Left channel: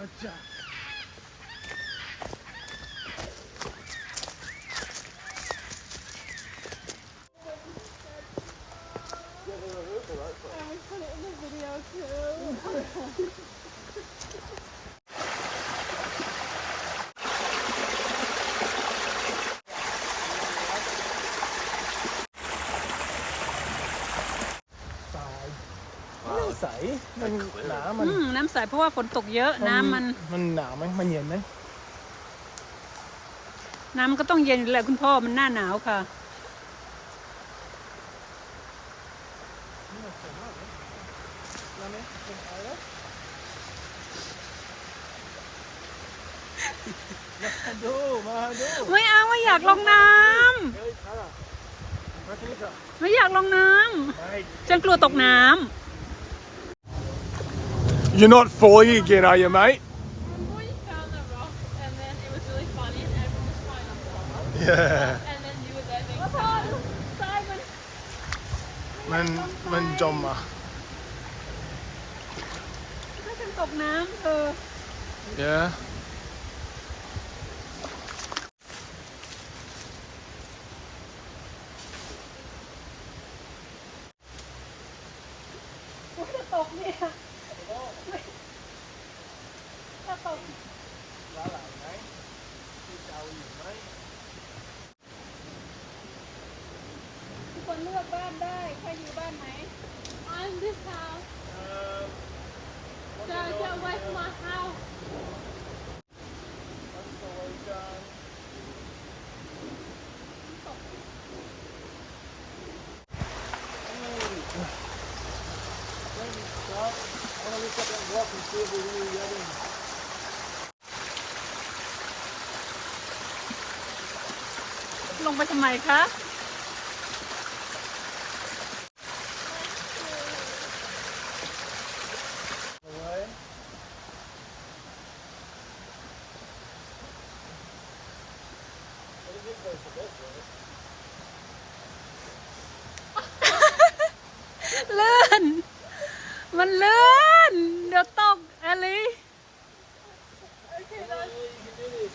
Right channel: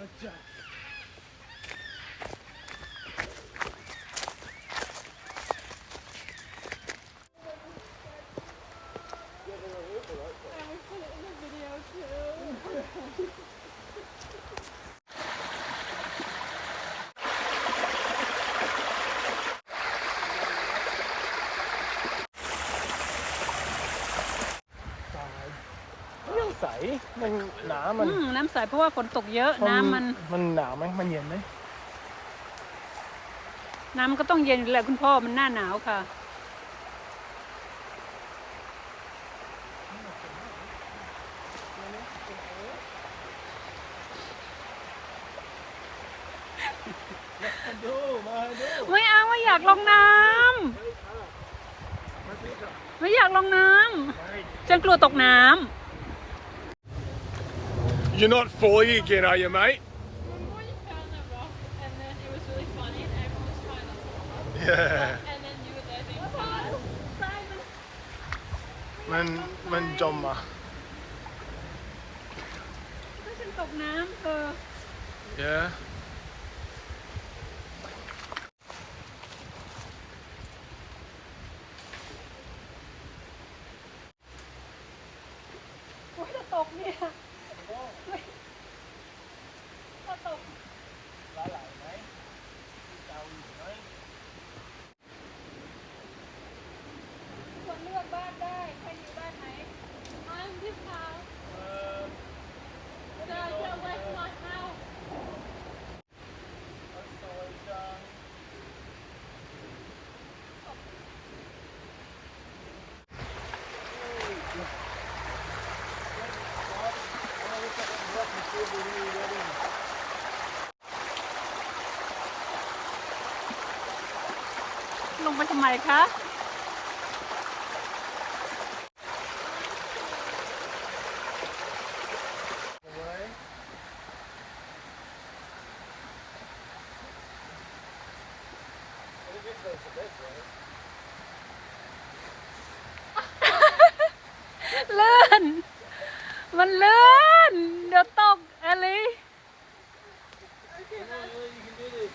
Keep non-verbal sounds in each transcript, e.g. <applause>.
চর্চা ใส มันหนา มันอืมน้ำใสเพราะว่าฝนตกเยอะน้ำมันมันหนาวไหมมันเย็นไหมน้ำมันก็ต้องเย็นอยู่แหละคุณพ่อมันหน้าหนาวค่ะ มาดู มาดูไม่เอาไม่อยากลงน้ำเฮ้ยค่ะมาที่นี่ค่ะไม่อยากลงน้ไปำฉันกลัวตกน้ You're not 40 again, are you, mate? Remember you found the rock and then it was really funny and everyone was trying not to laugh? Yeah. And then you were there being sad? Simon! มันมันจมอะำก็ฉันตกน้ำเออ Yeah. โอ้ยจะตกเนี่ยจะตก ร้านหลายไหมที่เกาอยู่ไหม ทุกคนเลือกบ้านได้ใครอยู่บ้านไหน I'm this house. เอ่อ Yeah, get away from my house. What's the way down? I wanna look at that rock and see if we really get in. ลงไปทำไมคะ Away. I think this way's the best way. เลื่อน มันเลื่อนเดี๋ยวตกอะไร Come on, Lee, you can do this.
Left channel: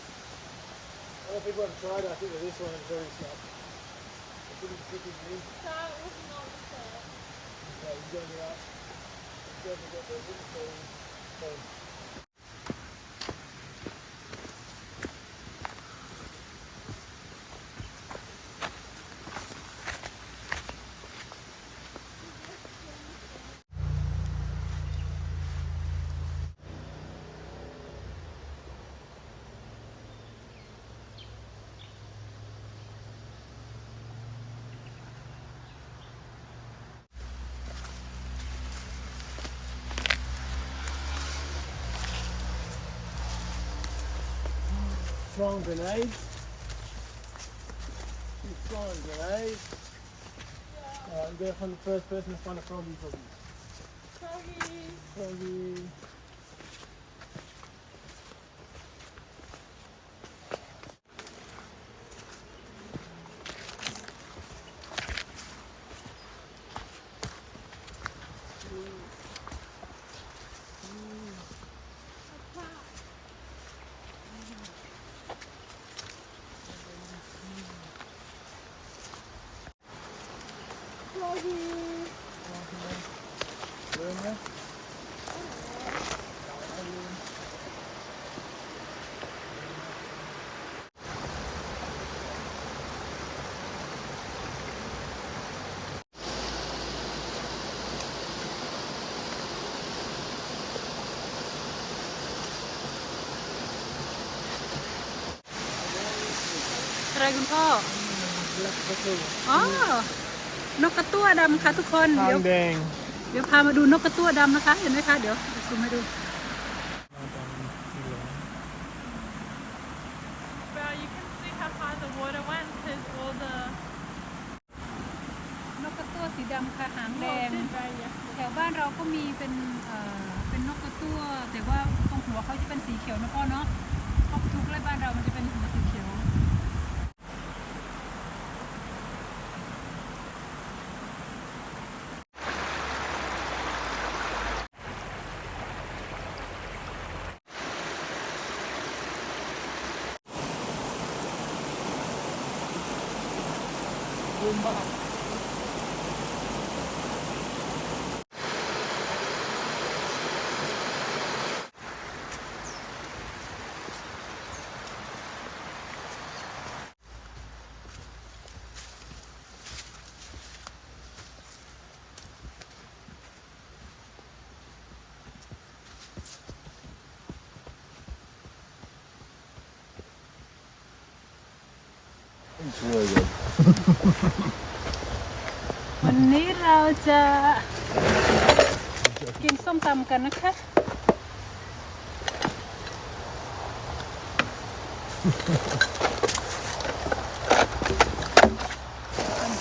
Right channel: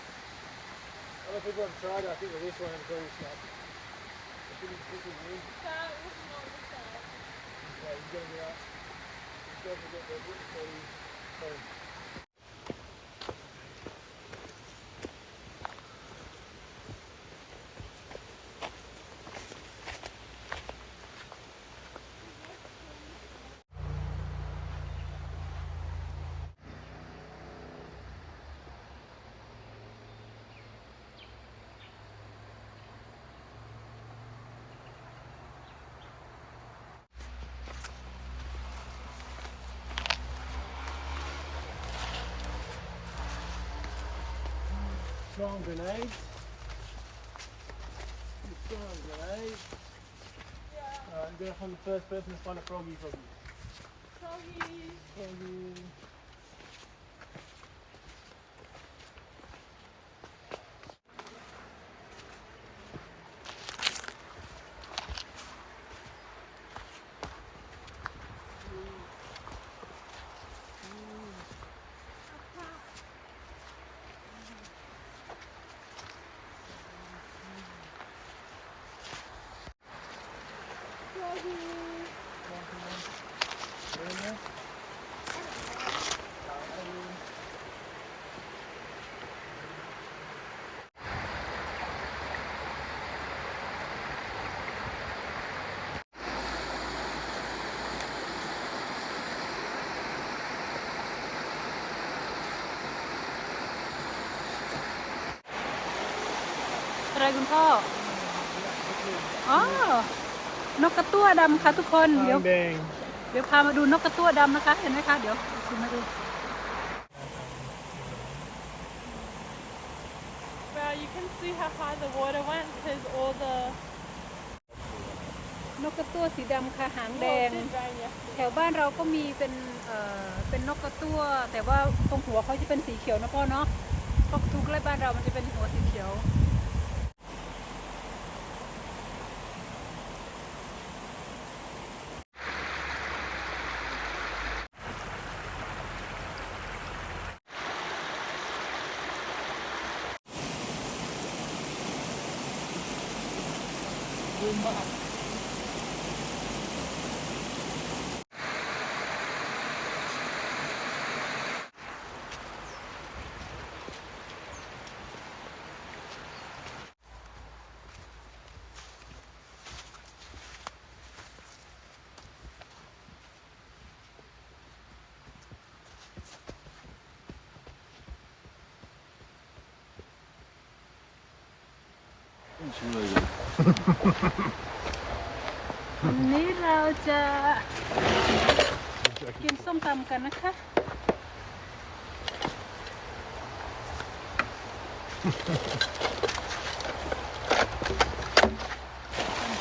Other people have tried, I think, with this one, it's very sharp. It's really tricky, me. So it was not the same. Yeah, you gotta get up. You gotta get the wooden so so throwing grenades. She's throwing grenades. Uh, I'm going to find the first person to find a froggy for you. Froggy. Froggy. อะไรคุณพ่อและก็คืออ๋อนกกระตั้วดำค่ะทุกคนทาเดี๋ยวงแดงเดี๋ยวพามาดูนกกระตั้วดำนะคะ เห็นไหมคะเดี๋ยวซูมให้ดู Wow, you can see how far the water went because all the นกกระตั้วสีดำค่ะหางแดง drainage. แถวบ้านเราก็มีเป็นเอ่อเป็นนกกระตั้ว แต่ว่าตรงหัวเขาจะเป็นสีเขียวนะพ่อเนาะเพราะทุกไร่บ้านเรามันจะเป็นหัวสีเขียว บูมมาก It's really good. วันนี้เราจะกินส้มตำกันนะคะ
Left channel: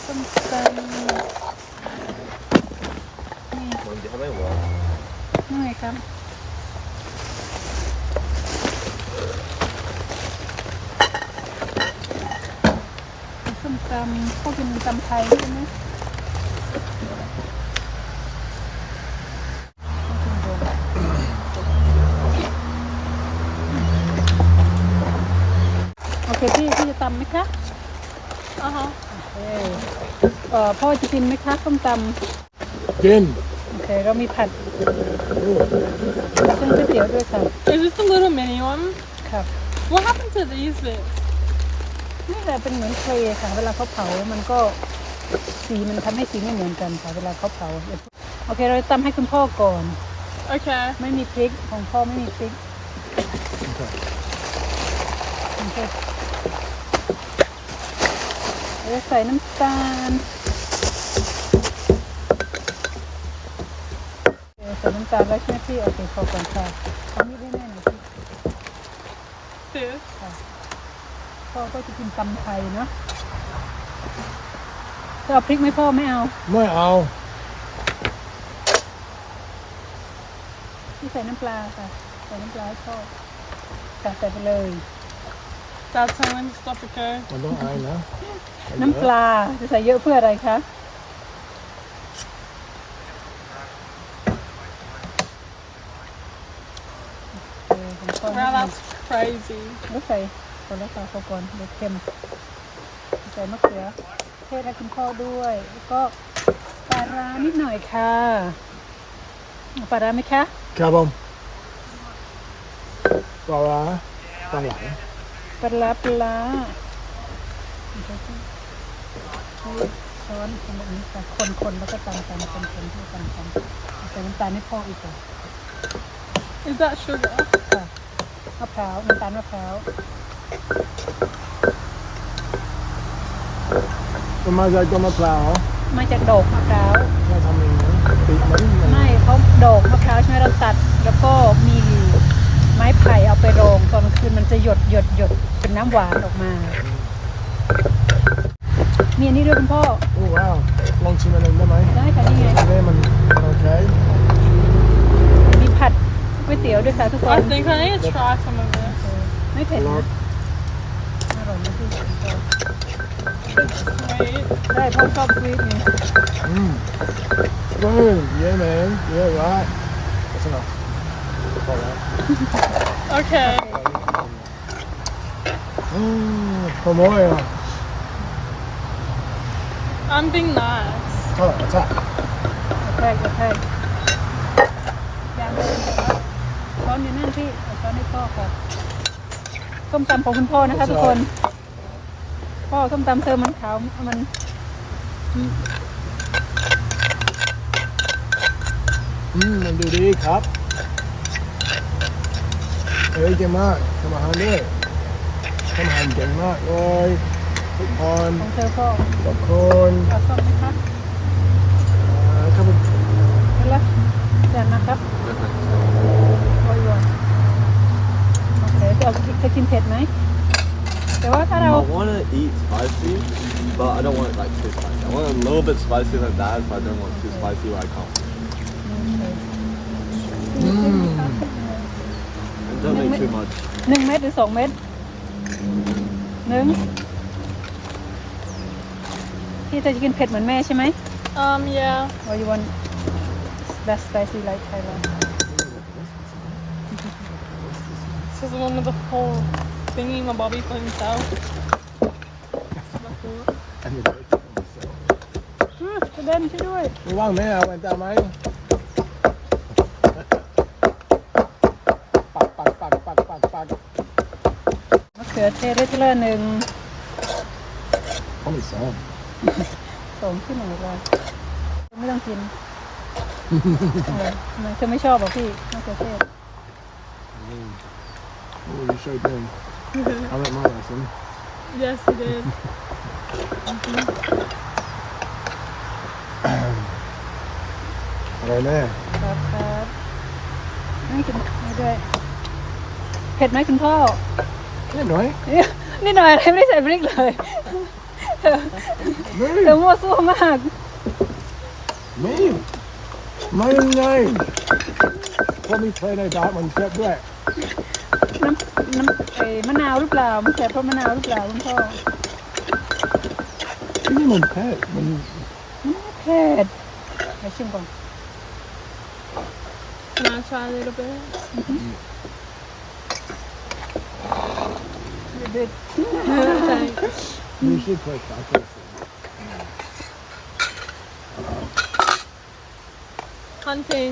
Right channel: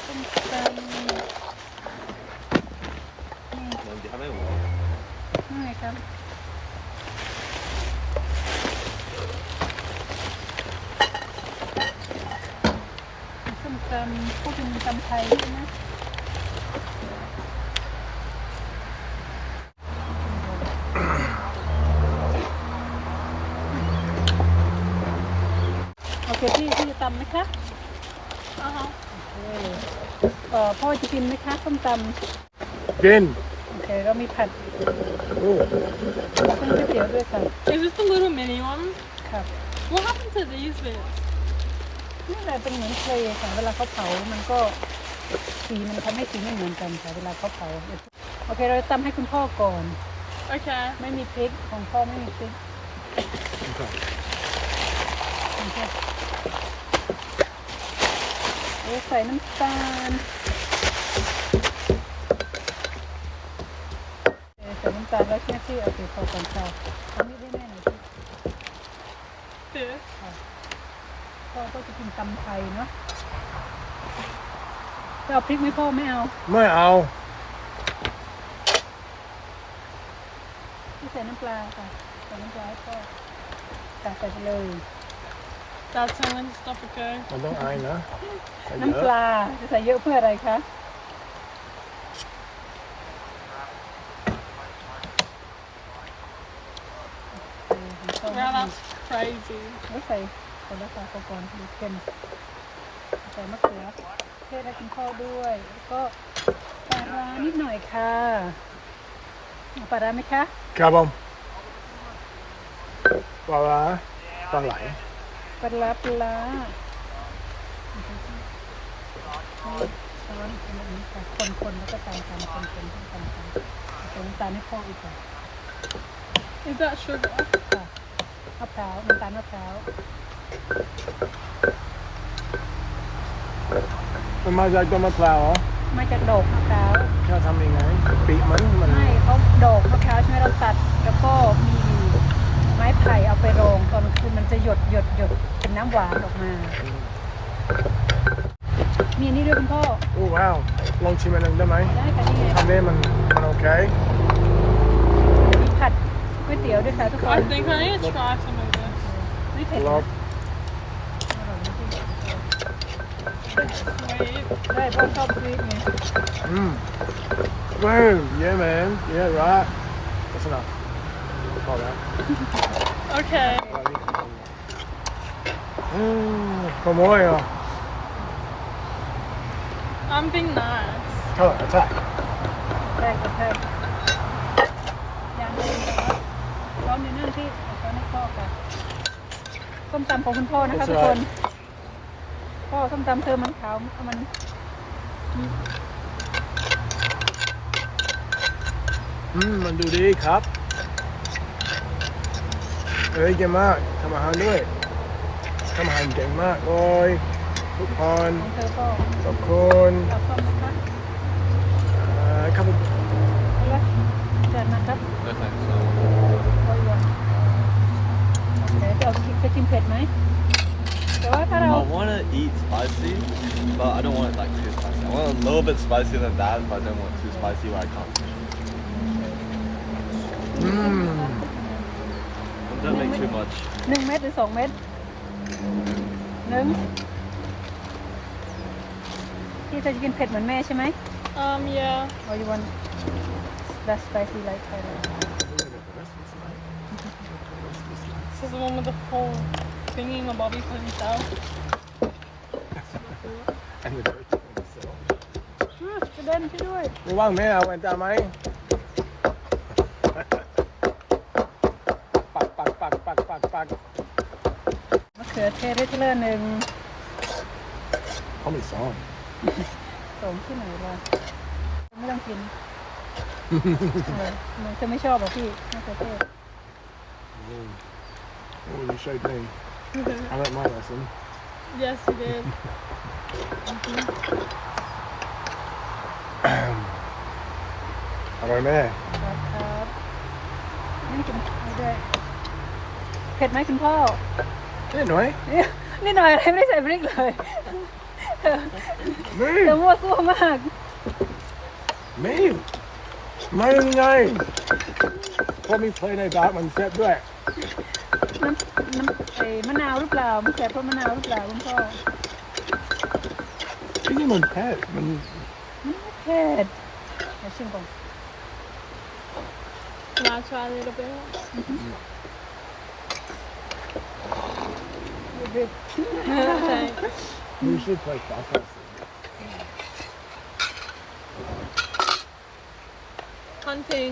ส้มตำ Man, det här var ju bra. นี่ไงครับส้มตำพวกเป็นตำไทยใช่ไหมโอเคพี่พี่จะตำไหมคะ Uh huh. เออเอ่อพ่อจะกินไหมคะส้มตำกินโอเคเรามีผัดโอ้ส้มก๋วยเตี๋ยวด้วยค่ะ Is this the little mini one? ค่ะ What happened to these bits? นี่แหละเป็นเหมือนเคลย์ค่ะเวลาเขาเผา มันก็สีมันทำให้สีไม่เหมือนกันค่ะเวลาเขาเผา โอเค เราตำให้คุณพ่อก่อน Okay. ไม่มีพริกของพ่อไม่มีพริก โอเคเราใส่น้ำตาลเออใส่น้ำตาลแล้วใช่ไหมพี่เอาไปพอก่อนค่ะอันนี้ให้แม่หน่อยพี่ This. พ่อก็จะกินตำไทยเนาะจะเอาพริกไหมพ่อไม่เอาไม่เอาที่ใส่น้ำปลาค่ะใส่น้ำปลาให้พ่อใส่ใส่ไปเลย That's telling stop okay. มันต้องอายนะใส่เยน้ำปอะลาจะใส่เยอะเพื่ออะไรคะเออของพ่อ Wow, that's crazy. ไม่ใส่ใส่ แล้วค่ะพ่อก่อนเดี๋ยวเค็มใส่มะเขือเทศให้คุณพ่อด้วยแล้วก็ปลาร้านิดหน่อยค่ะเอาปลาร้าไหมคะครับผมปลาร้าปลาไหลปลาร้าปลาร้าโอเคค่ะให้พร้อมทำแบบนี้ค่ะคนๆแล้วก็ตามกันคนๆให้กันกันใส่น้ำตาลให้พ่ออีกค่ะ Is that sugar? ค่ะมะพร้าวน้ำตาลมะพร้าว มันมาจากต้นมะพร้าวเหรอมาจากดอกมะพร้าวถ้าทำยังไงปีกมันมันไม่เขาดอกมะพร้าวใช่ไหมเราตัด แล้วก็มีไม้ไผ่เอาไปโรงตอนกลางคืนมันจะหยดหยดหยดเป็นน้ำหวานออกมามีอันนี้ด้วยคุณพ่อโอ้ว้าวลองชิมอันหนึงได้ไหมได้ค่ะนี่อันนี้มันมันโอเคมีผัดก๋วยเตี๋ยวด้วยค่ะทุกคน I think I need to try some of this. ไม่เผ็ดรนะอบ อร่อยนะพี่ It's sweet. ได้พ่อชอบซื้อไงอืมเว้ย yeah man yeah right that's enough พอแล้ว Okay. อืมขโมยเหรอ I'm being nice. เท่าไหร่ก็ใช่ใช่ใช่ยางเดินไปแล้วช้อนอยู่นั่นที่เอาช้อนให้พ่อก่อนส้มตำของคุณพ่อนะคะทุกคนพ่ อส้มตำเธอมันขาวมันอืมมันดูดีครับ เอ้ยเก่งมากทำอาหารด้วยทำอาหารเก่งมากเลยทุกคนของเธอก็ทุกคนเอาส้มไหมครับอ่าครับผมแล้วเกิดนะครับ No thanks. โรยวนโอเคจะเอาจะกินเผ็ดไหม แต่ว่าถ้าเรา I want to eat spicy, but I don't want it like too spicy. I want a little bit spicier than that, but I don't want too spicy where I can't. อืม And don't make too much. หนึ่งเม็ดหรือสองเม็ดหนึ่งพี่จะกินเผ็ดเหมือนแม่ใช่ไหม Um, yeah. or you want less spicy like Thailand This is one of the whole Thingy my body for himself. อันนี้ด้วยที่ผมเซลอืมกระเด็นช่วยด้วยระว่างไหมเอาแว่นตาไหมปักปักปักปักปักปักมะเขือเทศด้วยทีละหนึ่งเขาไม่ซ้อมสองที่ไหนเราไม่ต้องกินเออมันจะไม่ชอบเหรอพี่มะเขือเทศโอ้ you showed me I learnt my lesson yes, you did. อร่อยแม่ครับครับไม่กินไม่ด้วยเผ็ดไหมคุณพ่อนิดหน่อยนี่นี่หน่อยไม่ได้ใส่พริกเลยนี่เธอมั่วซั่วมากไม่ไม่ยังไงเพราะมีเพลงในดาร์กมันเซ็ตด้วยน้ำน้ำไอ้ มะนาวหรือเปล่ามันใส่เพราะมะนาวหรือเปล่าคุณพ่อที่นี่มันแพ้มันเผ็ดเอาชิมก่อน Can I try a little bit? เด็ด Thanks. you should play soccer Hunting.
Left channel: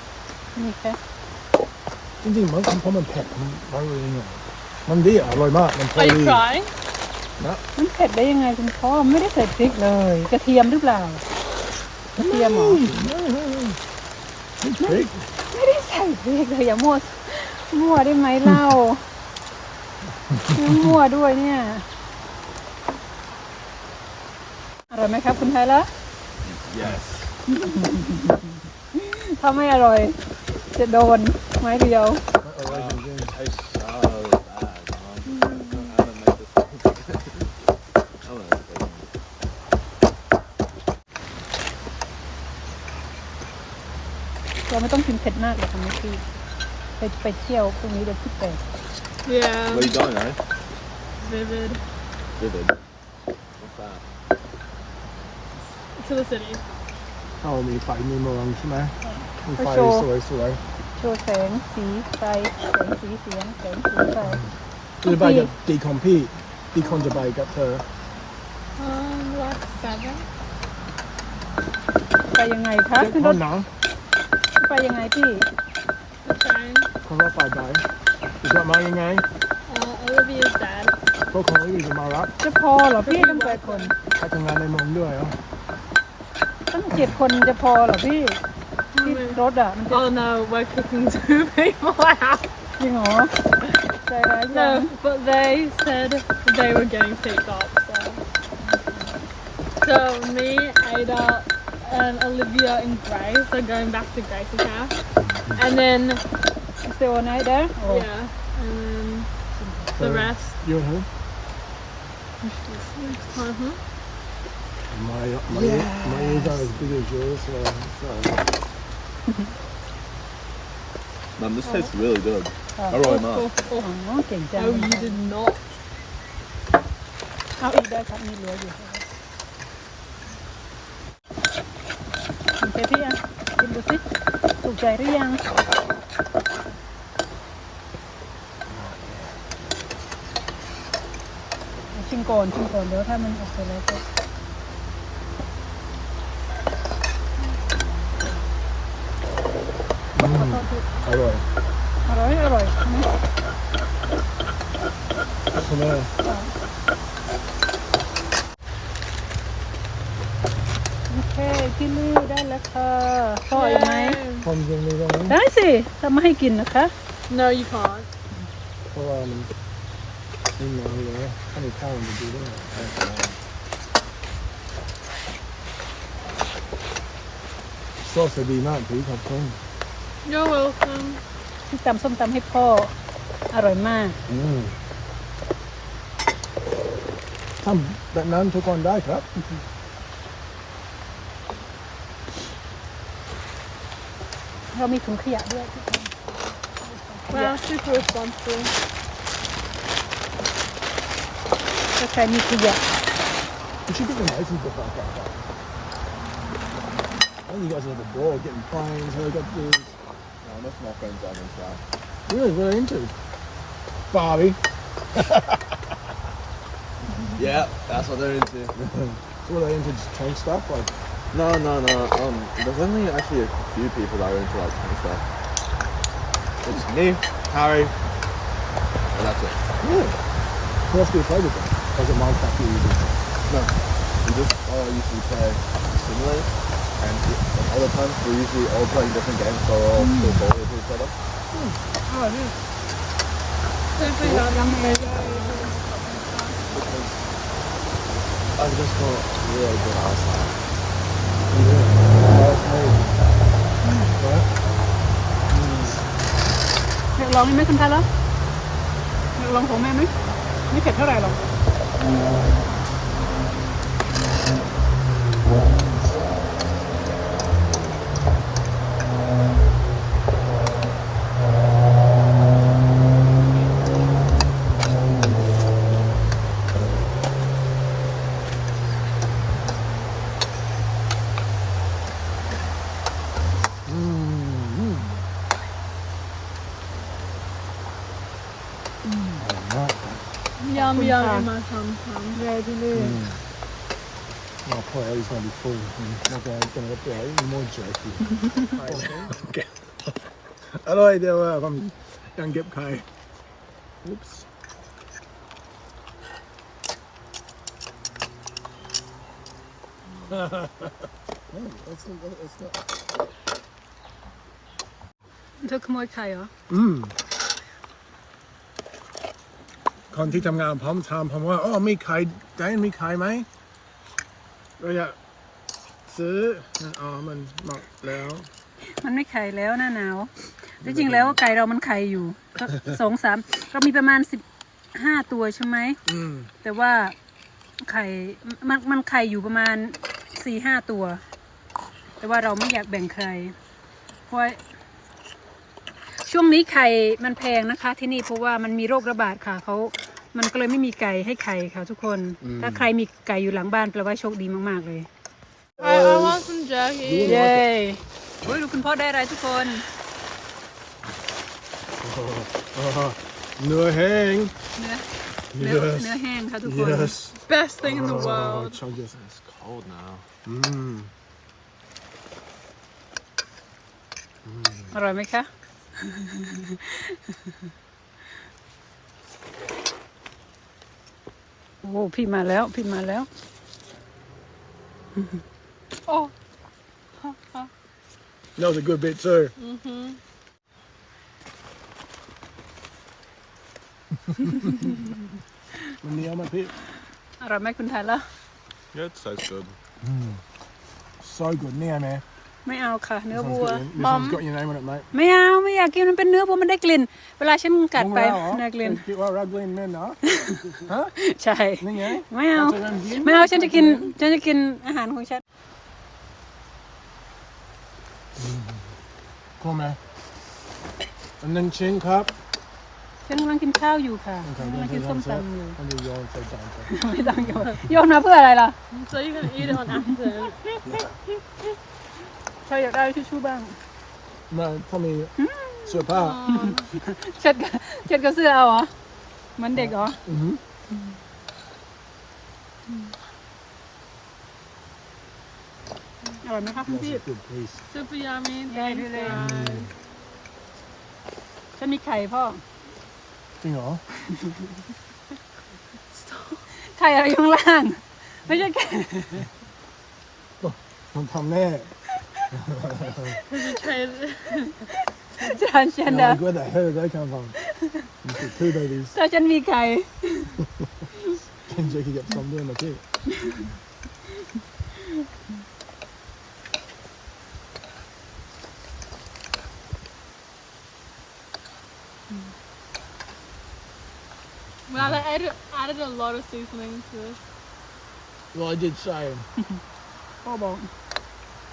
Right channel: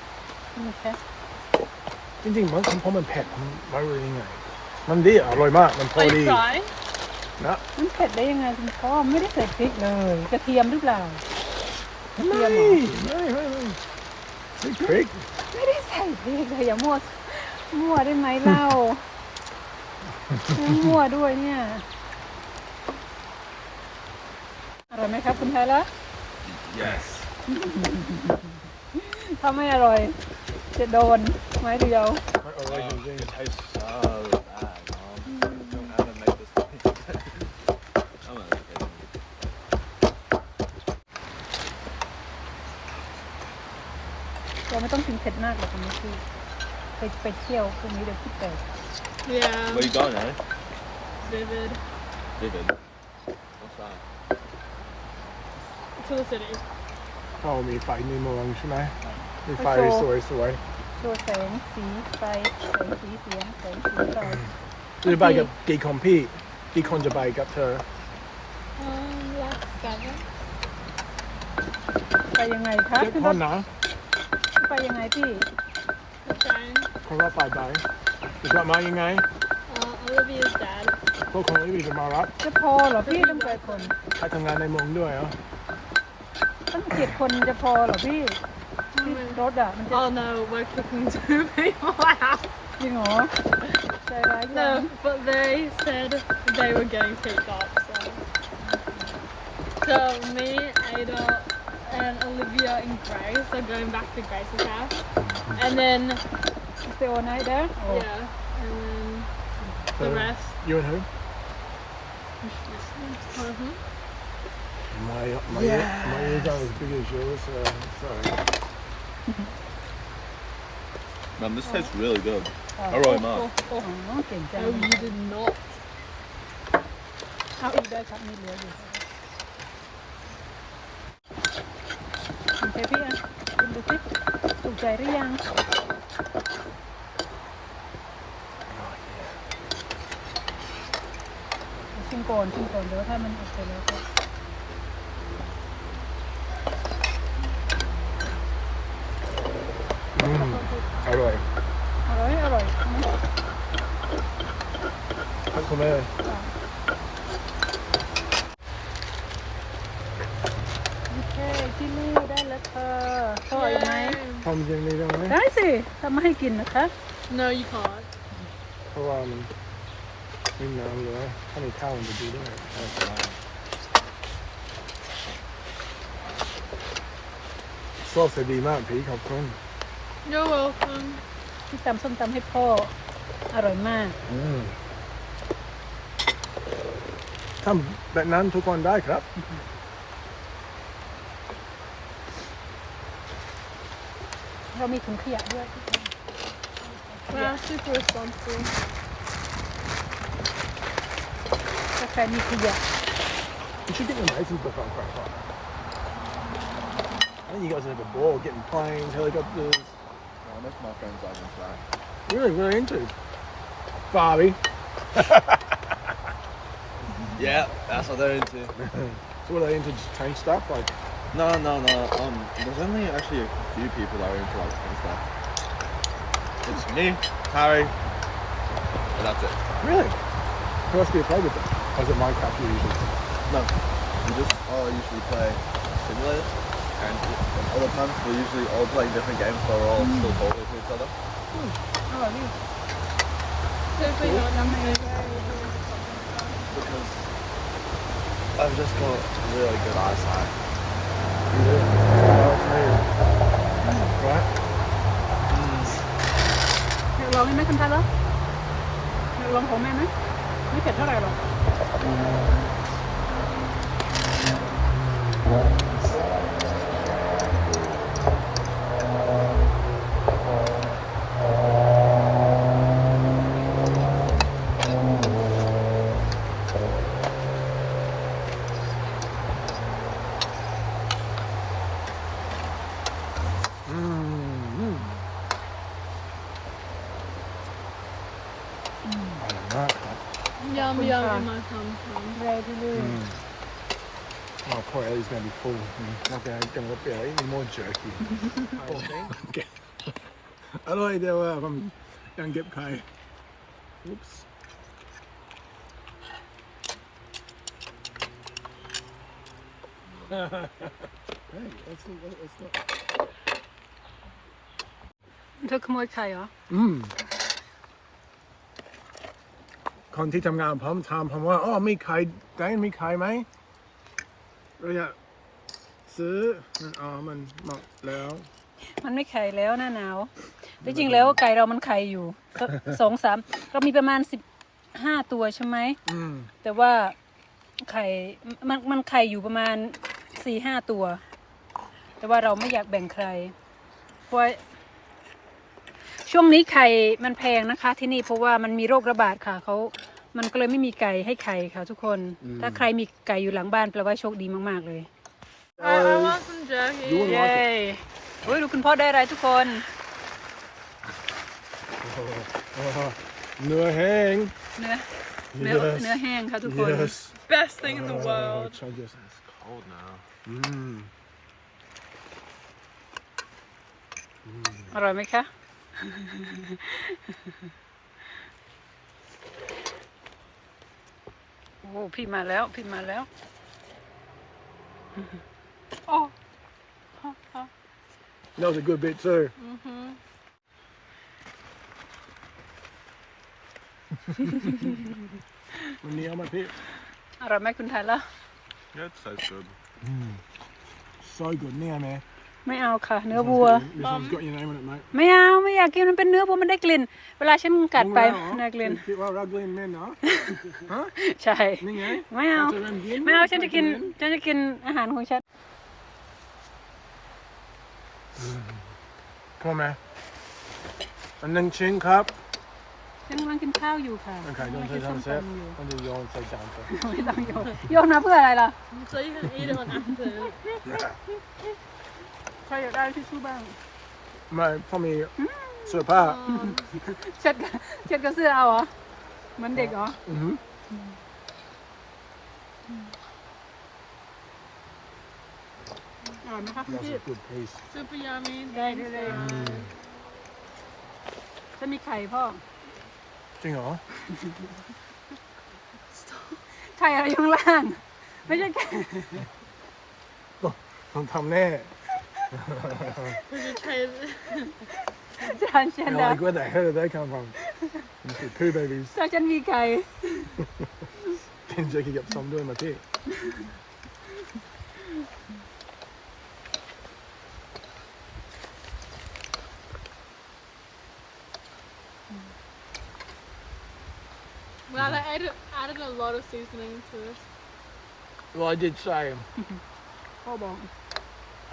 จริงๆมันเพราะมันเผ็ดมันไม่รู้ยังไง มันดีอร่อยมากมันพอ Are ดี you crying? นะมันเผ็ดได้ยังไงคุณพ่อไม่ได้ใส่พริกเลย กระเทียมหรือเปล่ากระเทียมเหรอไม่ไม่ไม่ไม่พริกไม่ได้ใส่พริกเลยอย่ามั่วมั่วได้ไหมเล่ามั่วด้วยเนี่ยอร่อยไหมครับคุณไทยละ Yes. ถ้าไม่อร่อย จะโดนไม้เรียวอร่อยจริง It tastes so bad, mom. Don't ever make this mistake again. I'm gonna take it. เราไม่ต้องกินเผ็ดมากหรอกนะพี่ไปไปเที่ยวพรุ่งนี้เดี๋ยวพี่เปิด Yeah. Where you going, eh? Vivid. Vivid. What's that? To the city. ๆเรามีไฟในเมืองใช่ไหม มีไฟไปโชว์สวยโชว์แสงสีไฟแสงสีเสียงแสงสีไฟๆจะไปกับดีคอมพี่ดีคอนจะไปกับเธอ Um, like seven. ไปยังไงคะเจ็ดขึ้นครนถนะไปยังไงพี่ The train. คนละไปไปจะมายังไง Uh, Olivia's dad. พวกคนอื่นจะมารับจะพอเหรอพี่ต้องเจ็ดคนใครทำงานในเมืองด้วยเหรอต้องเจ็ดคนจะพอเหรอพี่ ที่รถอ่ะมันจะ Oh no, we're cooking <laughs> two people out. จริงเหรอใจร้ายจัง No, but they said they were getting picked up, so. So me, Ada, and Olivia and Grace are going back to Grace's house. And then, still on it there or yeah, and then the So, rest. you and who Uh-huh. my my ear, my ears aren't as big as yours so sorry Mm-hmm. Mum, this tastes really good. I really. Oh, no, que Oh, you did not. I'll eat that at me later. Mình thấy thế à? Mình được thích. Cùng trái đấy à? ทักคุณแม่โอเคพี่ลูกได้แล้วค่ะพ่อเอาไหมทำยังไม่ได้ไหมได้สิทำมาให้กินนะคะ No, you can't. เพราะว่ามันนี่น้ำอยู่แล้วถ้ามีข้าวมันจะดีด้วยซอสจะดีมากพี่ขอบคุณ You're welcome. ที่ตำส้มตำให้พ่ออร่อยมาก อืม ทำแบบนั้นทุกคนได้ครับ เรามีถุงขยะด้วย Wow, super responsible. ถ้าใครมีขยะ You should get your license book off that. I think you guys are like a ball getting planes, helicopters. No, most of my friends aren't into that. Really, what are they into? Barbie. Yeah, that's what they're into. <laughs> so what are they into? Just tank stuff? Like No, no, no. Um, there's only actually a few people that are into like tank stuff. It's me, Harry, and that's it. really? Who else do you play with them? Or is it Minecraft you usually play? No, we just all usually play simulators, and at other times we're usually all playing different games, so we're all so bored to each other. Oh. Because I've just got really good eyesight. Yeah. Well, it's me. Right? ลองไหมคุณตาละลองของแม่ไหมไม่เผ็ดเท่าไหร่หรอก Mm. Mm. Okay, I'm going to be like, eating more jerky. okay. Hello, there. Uh, I'm going to get Kai. Oops. hey, that's not, that's not. เธอขโมยไข่เหรออืมคนที่ทำงานพร้อมถามผมว่าอ๋อมีใครแดนมีใครไหมเราจะ ซื้ออ๋อมันหมดแล้ว มันไม่ไข่แล้วหน้าหนาวแต่จริงแล้วไก่เรามันไข่อยู่ก็สองสามก็มีประมาณสิบห้าตัวใช่ไหมอืมแต่ว่าไข่มันมันไข่อยู่ประมาณสี่ห้าตัว แต่ว่าเราไม่อยากแบ่งใคร เพราะว่าช่วงนี้ไข่มันแพงนะคะ ที่นี่เพราะว่ามันมีโรคระบาดค่ะเขามันก็เลยไม่มีไก่ให้ไข่ค่ะทุกคน ถ้าใครมีไก่อยู่หลังบ้านแปลว่าโชคดีมาก ๆ เลย เย้โอ้ยดูคุณพ่อได้อะไรทุกคนอ๋อเนื้อแห้ง เนื้อ เนื้อ Yes. เนื้อแห้งค่ะทุกคน yes Best thing in the oh, world. chug this. It's cold now. อืมอร่อยไหมคะ โอ้โหพี่มาแล้ว พี่มาแล้ว Oh. that was a good bit too Mm-hmm. มันเหนียวไหมพี่อร่อยไหมคุณไทยละ Yeah, it tastes good. so good เนี่ยแม่ไม่เอาค่ะ เนื้อ This วั one's ว got- This one's got your name on it mate ไม่เอาไม่อยากกินมันเป็นเนื้อวัวมันได้กลิ่น เวลาฉันกัดไปมึงว่าเหรอได้กลิ่นคิดว่ารักเล่นแม่เนาะฮะใช่นี่ไงไม่เอาจะเล่นยิ้ไม่เอาฉันจะกินฉันจะกินอาหารของฉัน พอไหมอันนึ่งชิ้นครับฉันกำลังกินข้าวอยู่ค่ะโอเคโยนใส่จานเซฟมันจะโยนใส่จานเซฟไม่ต้องโยนโยนมาเพื่ออะไรล่ะ So you can eat it on after. ใครอยากได้ทิชชู่บ้างไม่พอมีเสื้อผ้าเช็ดกับเช็ดกับเสื้อเอาเหรอเหมือนเด็กเหรออือ หืออร่อยไหมครับคุณ That's พี่ a good piece. Super yummy. Yeah, Thank really. you. ฉันมีไข่พ่อ จริงเหรอไข่อะไรอยู่ข้างล่าง ไม่ใช่ไข่ต้องทำแน่ Would you trade? จานเชียน And แล้ว like where the hell did they come from? You see two babies. ถ้าฉันมีไข่กินเจอกินกับซ้อมด้วยมาที่ Well, they added, added a lot of seasoning to this. Well I did say พ่อบอก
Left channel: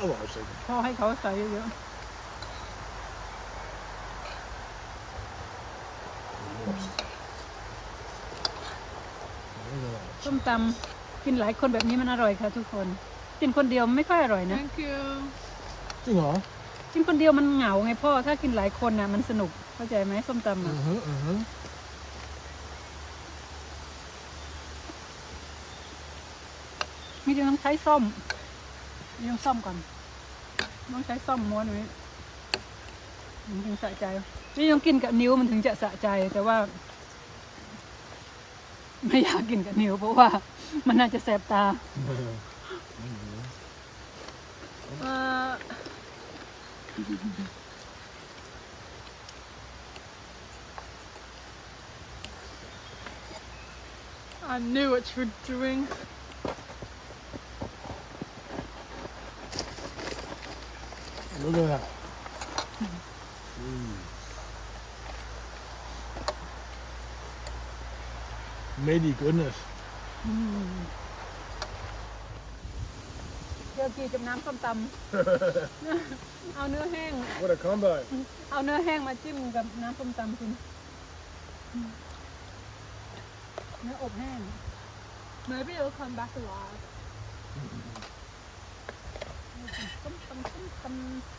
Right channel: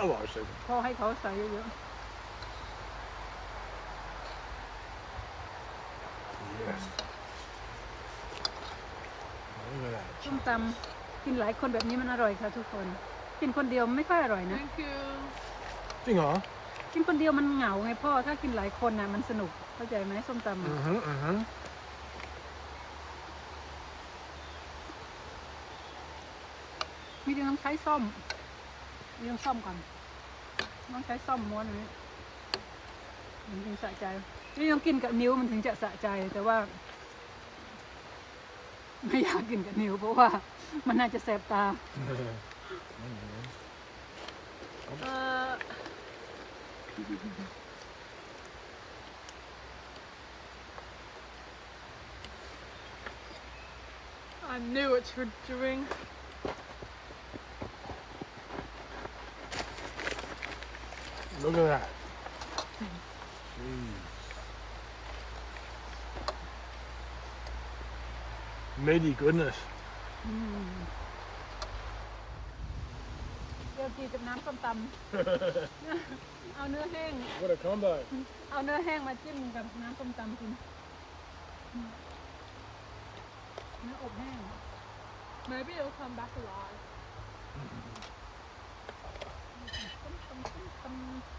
oh well, I was thinking พ่อให้เขาใส่เยอะ yes. Look at that. ๆส้มตำกินหลายคนแบบนี้มันอร่อยค่ะทุกคน กินคนเดียวไม่ค่อยอร่อยนะ Thank you. จริงเหรอกินคนเดียวมันเหงาไงพ่อ ถ้ากินหลายคนน่ะมันสนุกเข้าใจไหมส้มตำอือะอฮึอือฮึ มีแต่ต้องใช้ซ่อมมีต้องซ่อมก่อนต้องใช้ซ่อมม้วนอนี้มันถึงสะใจนี่ต้องกินกับนิ้วมันถึงจะสะใจแต่ว่า ไม่อยากกินกับนิ้วเพราะว่า มันน่าจะแสบตาเออนั่นอ ย่างนั้น Uh, I knew what you were doing. Look at that. Jeez. Lady goodness. เดี๋ยวกีกับน้ำส้มตเอาเนื้อแห้ง What a combo. ำเอาเนื้อแห้งมาจิ้มกับน้ำส้มตำคุณเนื้ออบแห้ง Maybe it'll come back alive. ส้มตำส้มตำ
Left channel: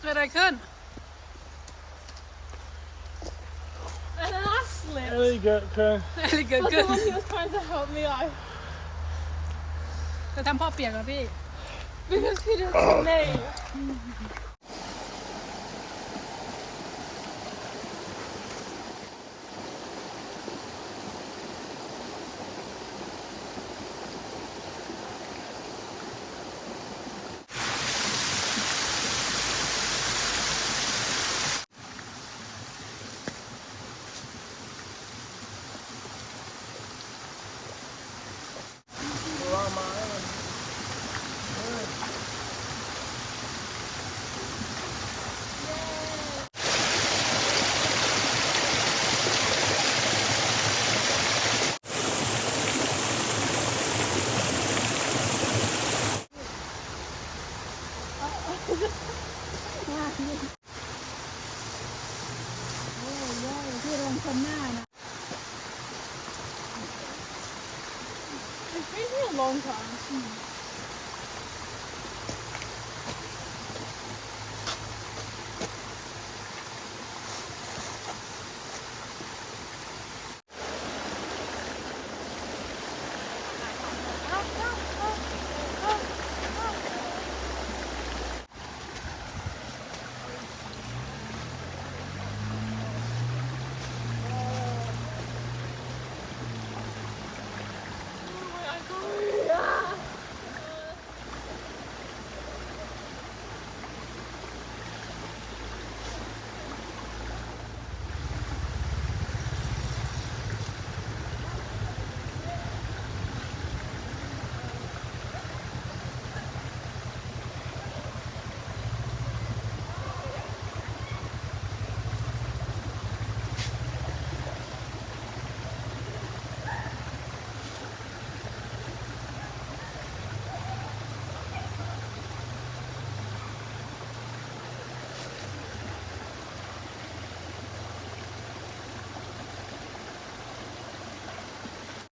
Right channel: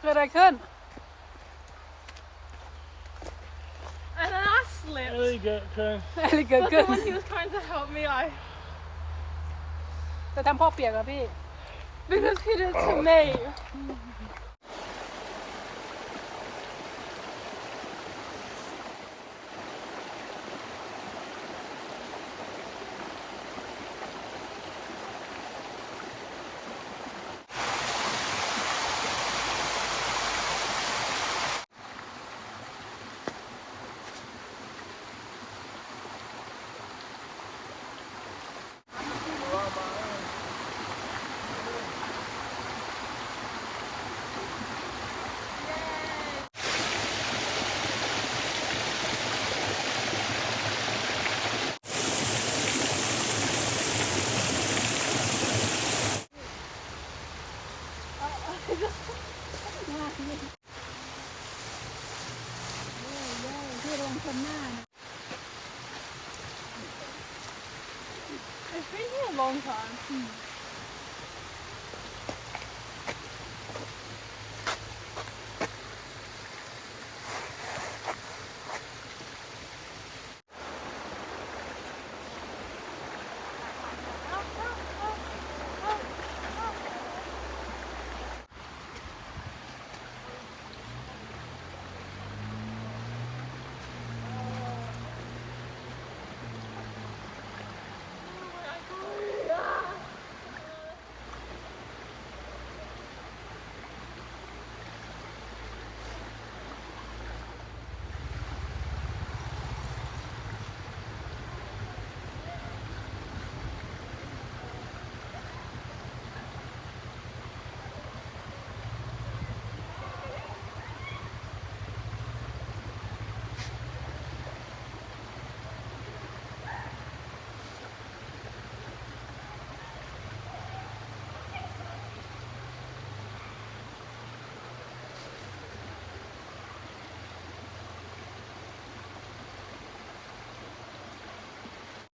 เกิดอะไรขึ้น And then I slipped. Really good. Okay. อะไรเกิด But ขึ้น then when he was trying to help me, I จะทำพ่อเปียกเหรอพี่ because he did to me. <coughs> <laughs>